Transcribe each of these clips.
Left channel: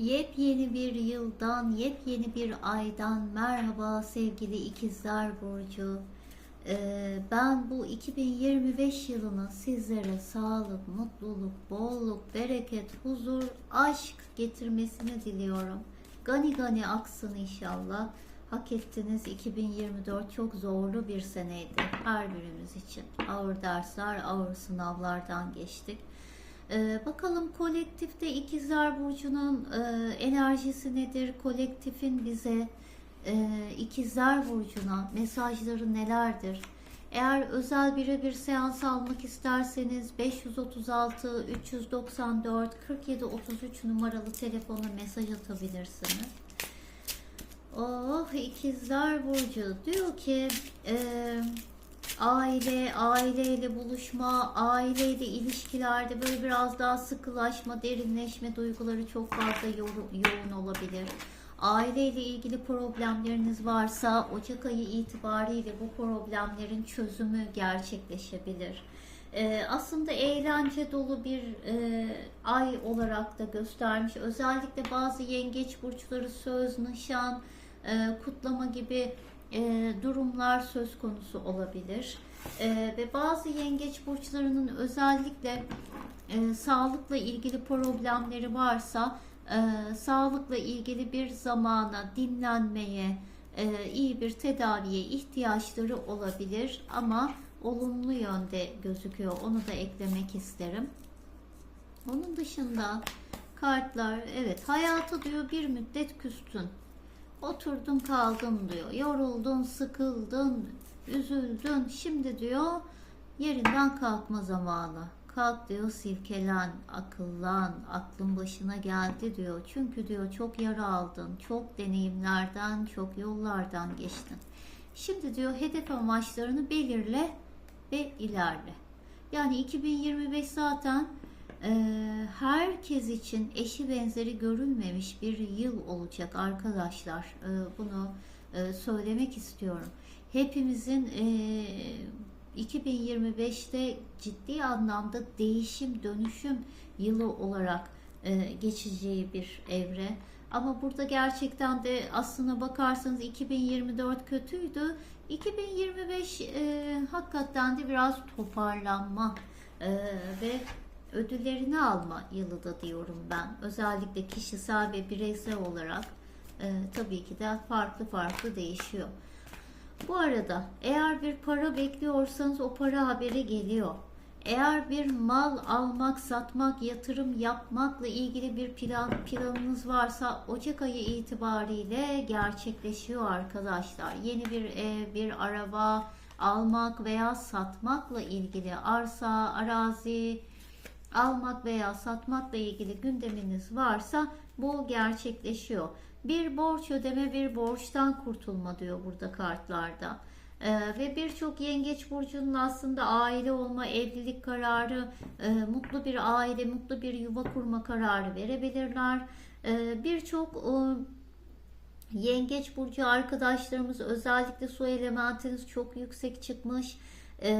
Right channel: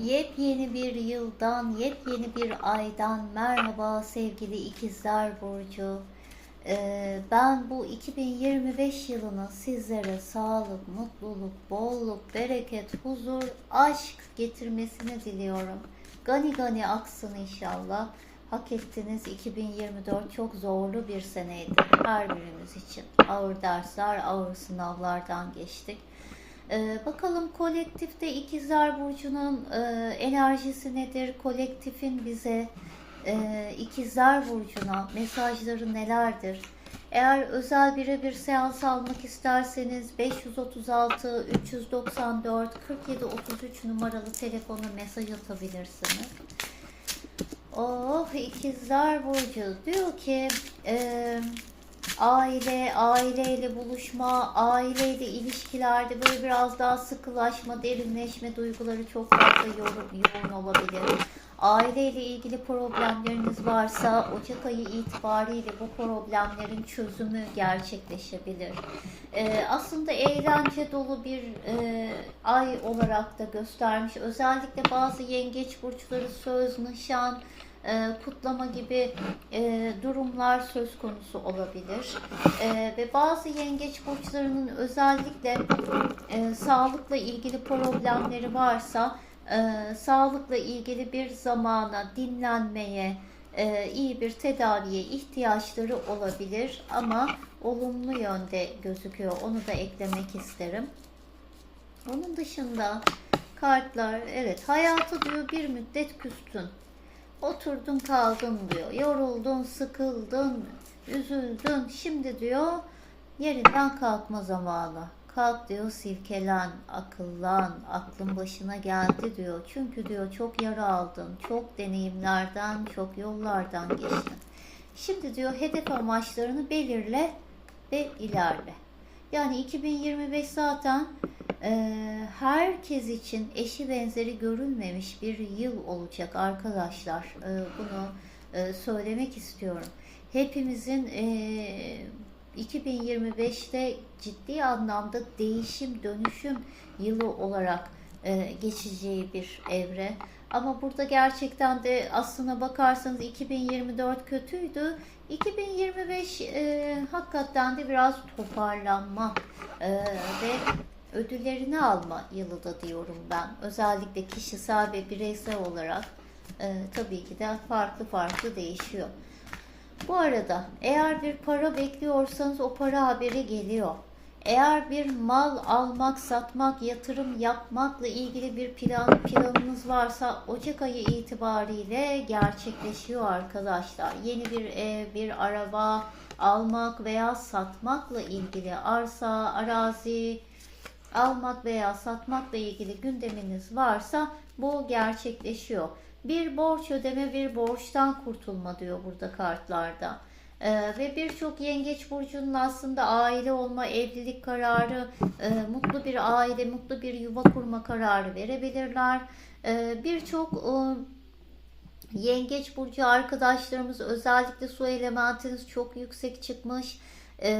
Yepyeni bir yıldan, yepyeni bir aydan merhaba sevgili ikizler Burcu. Ee, ben bu 2025 yılını sizlere sağlık, mutluluk, bolluk, bereket, huzur, aşk getirmesini diliyorum. Gani gani aksın inşallah. Hak ettiniz 2024 çok zorlu bir seneydi her birimiz için. Ağır dersler, ağır sınavlardan geçtik. Ee, bakalım kolektifte İkizler Burcu'nun e, enerjisi nedir? Kolektifin bize e, İkizler Burcu'na mesajları nelerdir? Eğer özel birebir seans almak isterseniz 536 394 47 33 numaralı telefona mesaj atabilirsiniz. Oh ikizler burcu diyor ki e, aile, aileyle buluşma, aileyle ilişkilerde böyle biraz daha sıkılaşma, derinleşme duyguları çok fazla yoğun, olabilir. Aileyle ilgili problemleriniz varsa Ocak ayı itibariyle bu problemlerin çözümü gerçekleşebilir. Ee, aslında eğlence dolu bir e, ay olarak da göstermiş. Özellikle bazı yengeç burçları söz, nişan, e, kutlama gibi e, durumlar söz konusu olabilir. E, ve bazı yengeç burçlarının özellikle sağlıkla ilgili problemleri varsa sağlıkla ilgili bir zamana, dinlenmeye, iyi bir tedaviye ihtiyaçları olabilir ama olumlu yönde gözüküyor. Onu da eklemek isterim. Onun dışında kartlar evet hayatı diyor bir müddet küstün. Oturdun kaldın diyor. Yoruldun, sıkıldın, üzüldün. Şimdi diyor yerinden kalkma zamanı. Kalk diyor silkelen, akıllan, aklın başına geldi diyor. Çünkü diyor çok yara aldın, çok deneyimlerden, çok yollardan geçtin. Şimdi diyor hedef amaçlarını belirle ve ilerle. Yani 2025 zaten herkes için eşi benzeri görülmemiş bir yıl olacak arkadaşlar. E, bunu e, söylemek istiyorum. Hepimizin e, 2025'te ciddi anlamda değişim, dönüşüm yılı olarak e, geçeceği bir evre. Ama burada gerçekten de aslına bakarsanız 2024 kötüydü. 2025 e, hakikaten de biraz toparlanma e, ve ödüllerini alma yılı da diyorum ben. Özellikle kişisel ve bireysel olarak e, tabii ki de farklı farklı değişiyor. Bu arada eğer bir para bekliyorsanız o para haberi geliyor. Eğer bir mal almak, satmak, yatırım yapmakla ilgili bir plan planınız varsa Ocak ayı itibariyle gerçekleşiyor arkadaşlar. Yeni bir ev, bir araba almak veya satmakla ilgili arsa, arazi almak veya satmakla ilgili gündeminiz varsa bu gerçekleşiyor. Bir borç ödeme, bir borçtan kurtulma diyor burada kartlarda. Ee, ve birçok yengeç burcunun aslında aile olma, evlilik kararı, e, mutlu bir aile, mutlu bir yuva kurma kararı verebilirler. Ee, birçok e, yengeç burcu arkadaşlarımız özellikle su elementiniz çok yüksek çıkmış. Ee,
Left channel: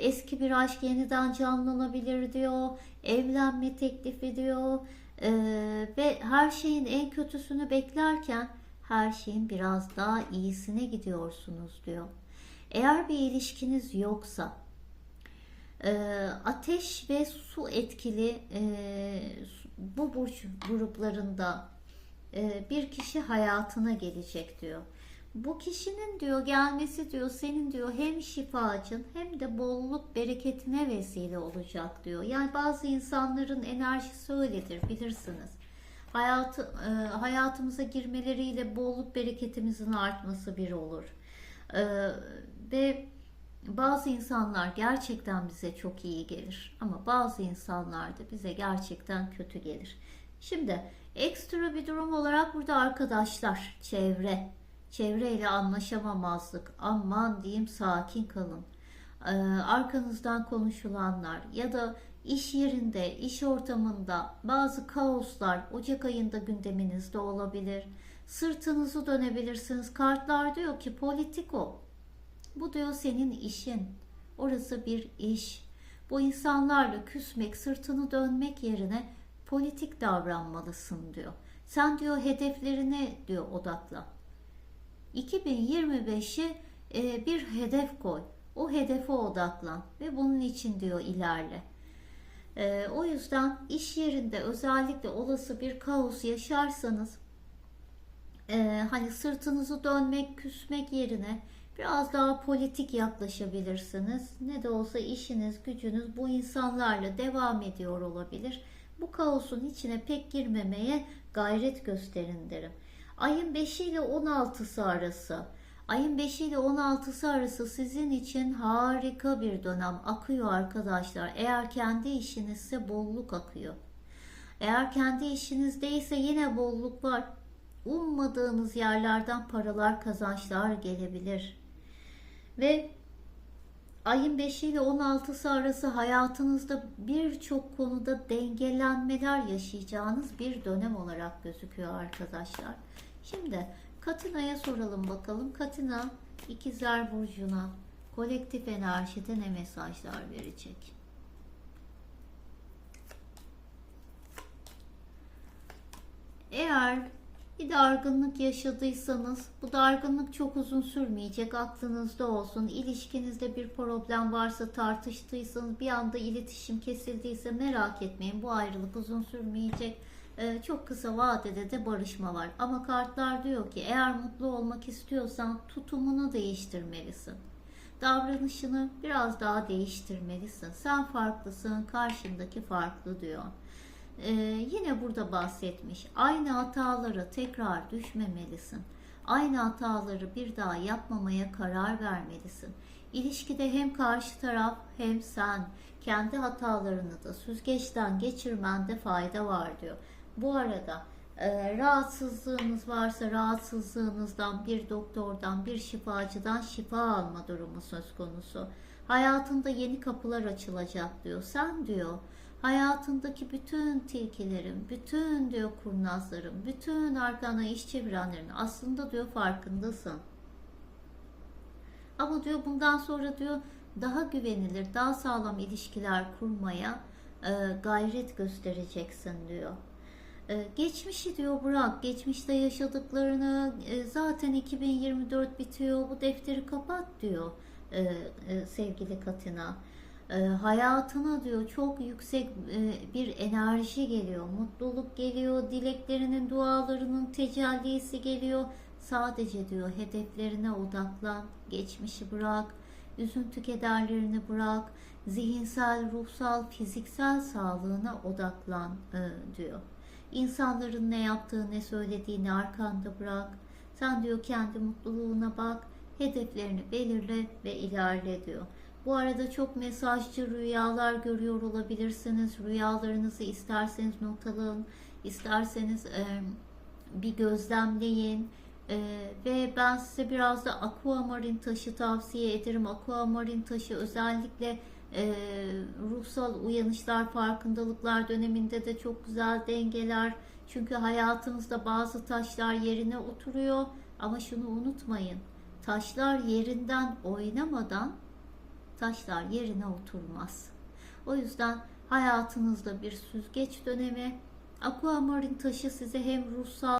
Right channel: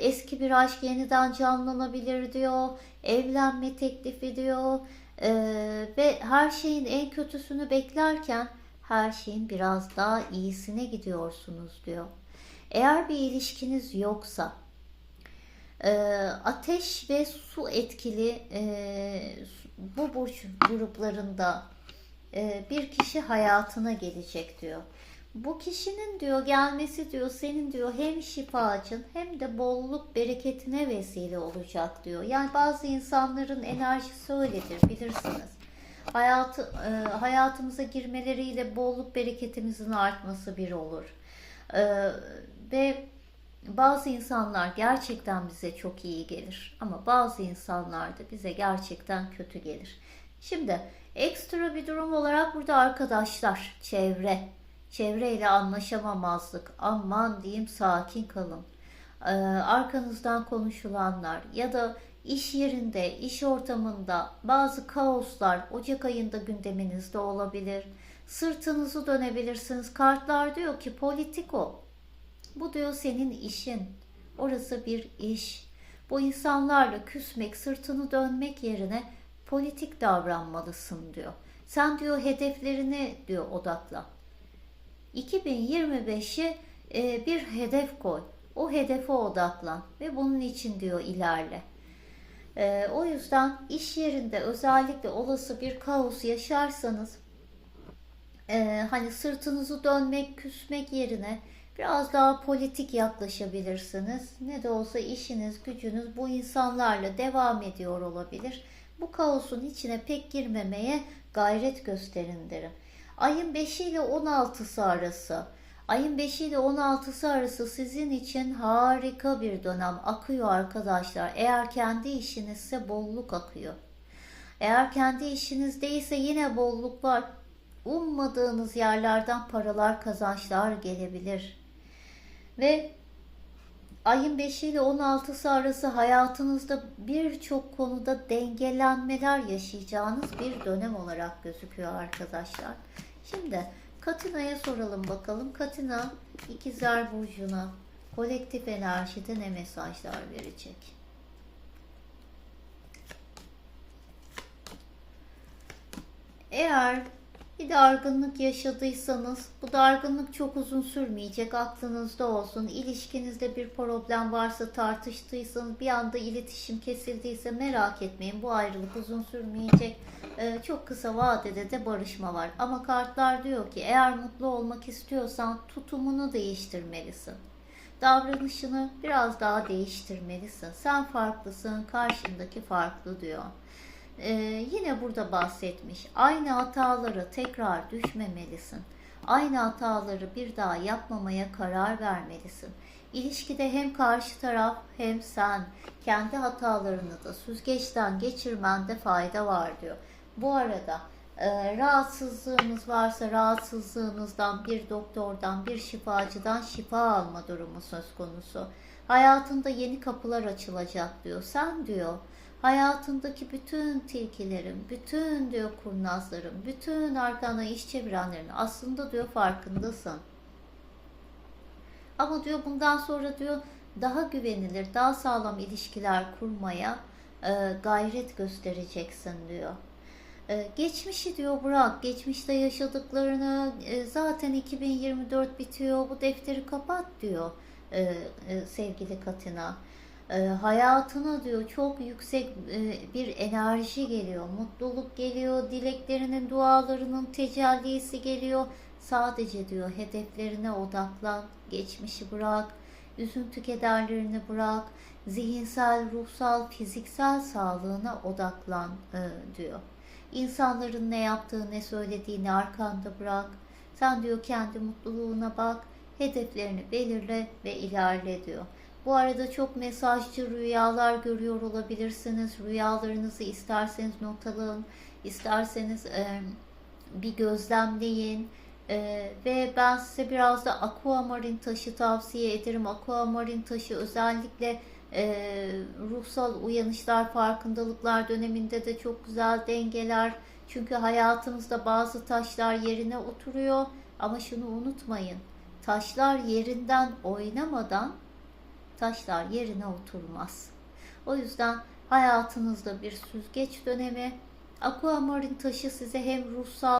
eski bir aşk yeniden canlanabilir diyor. Evlenme teklifi diyor. Ee, ve her şeyin en kötüsünü beklerken her şeyin biraz daha iyisine gidiyorsunuz diyor. Eğer bir ilişkiniz yoksa e, ateş ve su etkili e, bu burç gruplarında e, bir kişi hayatına gelecek diyor. Bu kişinin diyor gelmesi diyor senin diyor hem şifacın hem de bolluk bereketine vesile olacak diyor. Yani bazı insanların enerjisi öyledir bilirsiniz. Hayatı, e, hayatımıza girmeleriyle bolluk bereketimizin artması bir olur. E, ve bazı insanlar gerçekten bize çok iyi gelir ama bazı insanlar da bize gerçekten kötü gelir. Şimdi ekstra bir durum olarak burada arkadaşlar, çevre, çevreyle anlaşamamazlık, aman diyeyim sakin kalın. Ee, arkanızdan konuşulanlar ya da iş yerinde, iş ortamında bazı kaoslar Ocak ayında gündeminizde olabilir. Sırtınızı dönebilirsiniz. Kartlar diyor ki politiko. Bu diyor senin işin. Orası bir iş. Bu insanlarla küsmek, sırtını dönmek yerine politik davranmalısın diyor. Sen diyor hedeflerine diyor odakla. 2025'i e, bir hedef koy. O hedefe odaklan ve bunun için diyor ilerle. E, o yüzden iş yerinde özellikle olası bir kaos yaşarsanız e, hani sırtınızı dönmek, küsmek yerine biraz daha politik yaklaşabilirsiniz. Ne de olsa işiniz, gücünüz bu insanlarla devam ediyor olabilir. Bu kaosun içine pek girmemeye gayret gösterin derim. Ayın 5 ile 16'sı arası. Ayın 5 ile 16'sı arası sizin için harika bir dönem akıyor arkadaşlar. Eğer kendi işinizse bolluk akıyor. Eğer kendi işiniz değilse yine bolluk var. Ummadığınız yerlerden paralar, kazançlar gelebilir. Ve ayın 5 ile 16'sı arası hayatınızda birçok konuda dengelenmeler yaşayacağınız bir dönem olarak gözüküyor arkadaşlar. Şimdi Katina'ya soralım bakalım. Katina ikizler burcuna kolektif enerjide ne mesajlar verecek? Eğer bir dargınlık yaşadıysanız bu dargınlık çok uzun sürmeyecek aklınızda olsun. İlişkinizde bir problem varsa tartıştıysanız bir anda iletişim kesildiyse merak etmeyin bu ayrılık uzun sürmeyecek. Ee, çok kısa vadede de barışma var. Ama kartlar diyor ki eğer mutlu olmak istiyorsan tutumunu değiştirmelisin. Davranışını biraz daha değiştirmelisin. Sen farklısın, karşındaki farklı diyor. Ee, yine burada bahsetmiş. Aynı hataları tekrar düşmemelisin. Aynı hataları bir daha yapmamaya karar vermelisin. İlişkide hem karşı taraf hem sen kendi hatalarını da süzgeçten geçirmende fayda var diyor. Bu arada e, rahatsızlığınız varsa rahatsızlığınızdan bir doktordan, bir şifacıdan şifa alma durumu söz konusu. Hayatında yeni kapılar açılacak diyor. Sen diyor hayatındaki bütün tilkilerin, bütün diyor kurnazların, bütün arkana iş çevirenlerin aslında diyor farkındasın. Ama diyor bundan sonra diyor daha güvenilir, daha sağlam ilişkiler kurmaya e, gayret göstereceksin diyor. E, geçmişi diyor bırak, geçmişte yaşadıklarını e, zaten 2024 bitiyor, bu defteri kapat diyor e, e, sevgili Katina e, hayatına diyor çok yüksek bir enerji geliyor, mutluluk geliyor, dileklerinin, dualarının tecellisi geliyor. Sadece diyor hedeflerine odaklan, geçmişi bırak, üzüntü kederlerini bırak, zihinsel, ruhsal, fiziksel sağlığına odaklan diyor. İnsanların ne yaptığı, ne söylediğini arkanda bırak. Sen diyor kendi mutluluğuna bak, hedeflerini belirle ve ilerle diyor. Bu arada çok mesajcı rüyalar görüyor olabilirsiniz. Rüyalarınızı isterseniz notalayın, isterseniz e, bir gözlemleyin. E, ve ben size biraz da aquamarin taşı tavsiye ederim. Aquamarin taşı özellikle e, ruhsal uyanışlar, farkındalıklar döneminde de çok güzel dengeler. Çünkü hayatımızda bazı taşlar yerine oturuyor. Ama şunu unutmayın. Taşlar yerinden oynamadan taşlar yerine oturmaz. O yüzden hayatınızda bir süzgeç dönemi, aquamarin taşı size hem ruhsal